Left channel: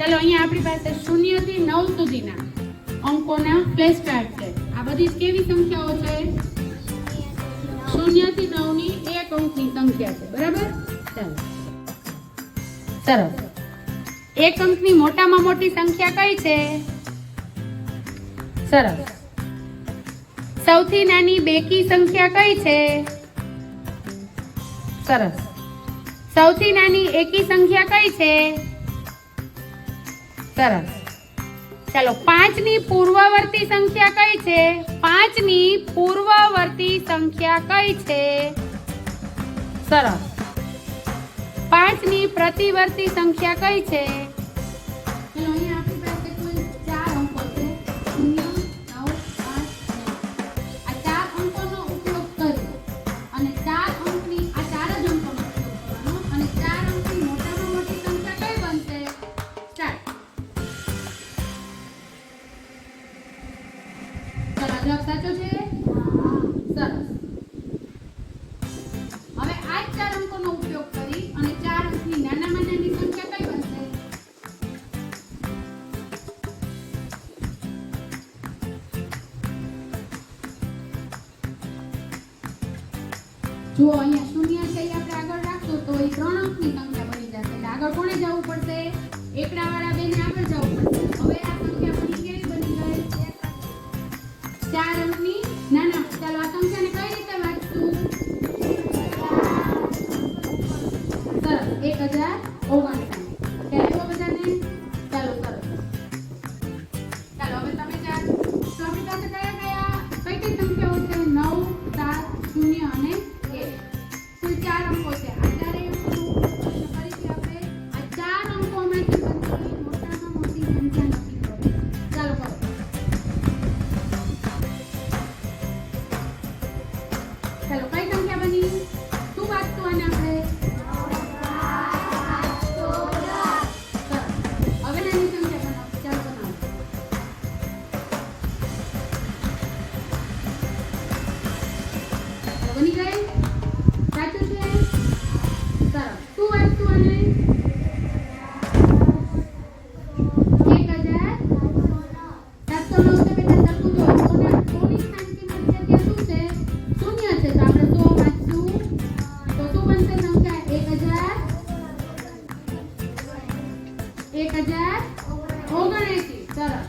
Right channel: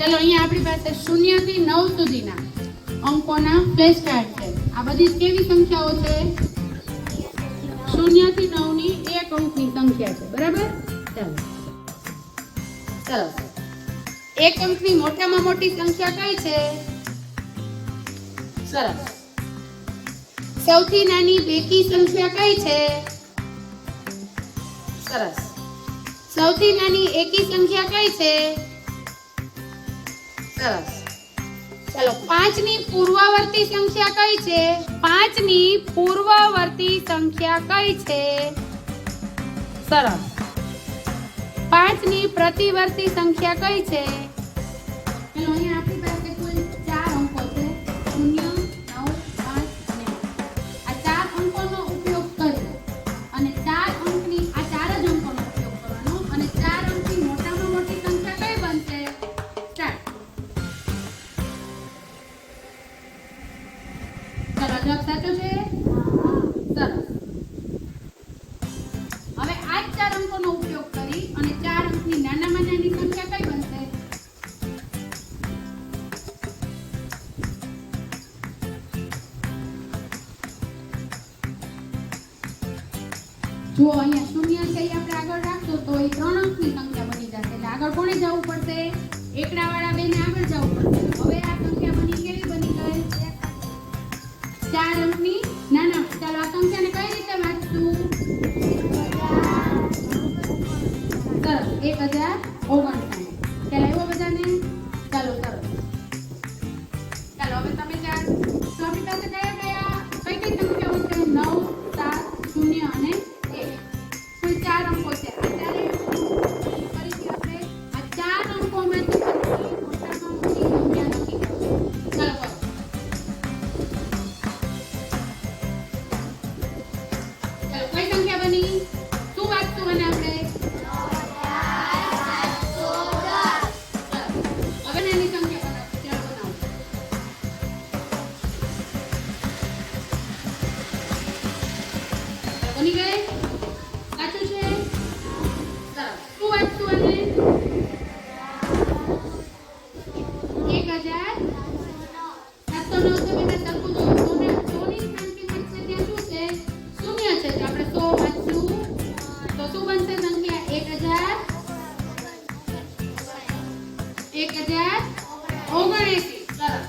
चलो अहीं आपणी पासे 0 થી 9 સુધીના અંકોના ફ્લેશ કાર્ડ છે। આ બધી કેવી સંખ્યાઓ છે? 0 થી 9 ની એક અંકની સંખ્યા છે, બરાબર? ચાલો સરસ। એક અંકની મોટામાં મોટી સંખ્યા કઈ છે? સરસ। સૌથી નાની બેકી સંખ્યા કઈ છે? સરસ। સૌથી નાની એકી સંખ્યા કઈ છે? સરસ। ચાલો 5 ની પૂર્વવર્તી સંખ્યા કઈ છે? 5 ની પૂર્વવર્તી સંખ્યા કઈ છે? સરસ। 5 ની પ્રતિવર્તી સંખ્યા કઈ છે? ચલો અહીં આપણી પાસે કુલ 4 અંકો છે, 0 9 5 9। આ 4 અંકોનો ઉપયોગ કરી અને 4 અંકની આ 4 જ અંકોનો ઉપયોગ કરવાનો અને 4 અંકની મોટામાં મોટી સંખ્યા કઈ બનશે? સ્ટાર્ટ। ચલો જવાબ સાચો છે? સરસ। હવે આ 4 અંકોનો ઉપયોગ કરી અને 4 અંકની નાનામાં નાની સંખ્યા કઈ બનશે? જો અહીંયા 0 છે એ આપણે આગળ રાખશું તો એ 3 અંકની સંખ્યા બની જશે। એટલે આગળ કોને જવું પડશે? એકડાવાળા બેને આગળ જવું પડશે। હવે આ સંખ્યા બની કેવી બની ગઈ? 4 અંકની નાના। ચાલો આ સંખ્યાને કઈ રીતે વાંચશું? સરસ 1059। ખ્યાલ આવ્યો બધાને? ચાલો સરસ। ચાલો હવે તમે ચાર ચોથી પાસે કયા કયા કઈ કઈ સંખ્યાઓ છે? 9 7 0 અને 1। કુલ 4 અંકો છે। આ ચારે ફરીથી આપણે આ 4 અંકોમાંથી મોટામાં મોટી સંખ્યા નક્કી કરો। ચાલો કરો। ચાલો કઈ સંખ્યા બની? શું વાંચતું અને આપણે? હવે નાની સંખ્યા બનાવો। ચાલો બનાવો। બની ગઈ? સાચું છે? સરસ। શું વાંચતું અને? 1709 છે બેટા, સરખું જો 100 ની સ્થાન કિંમત છે ત્યાં શું છે? 0 છે તો આપણે 100 વાંચશું તો શું બનશે સંખ્યા? 1079। સરસ।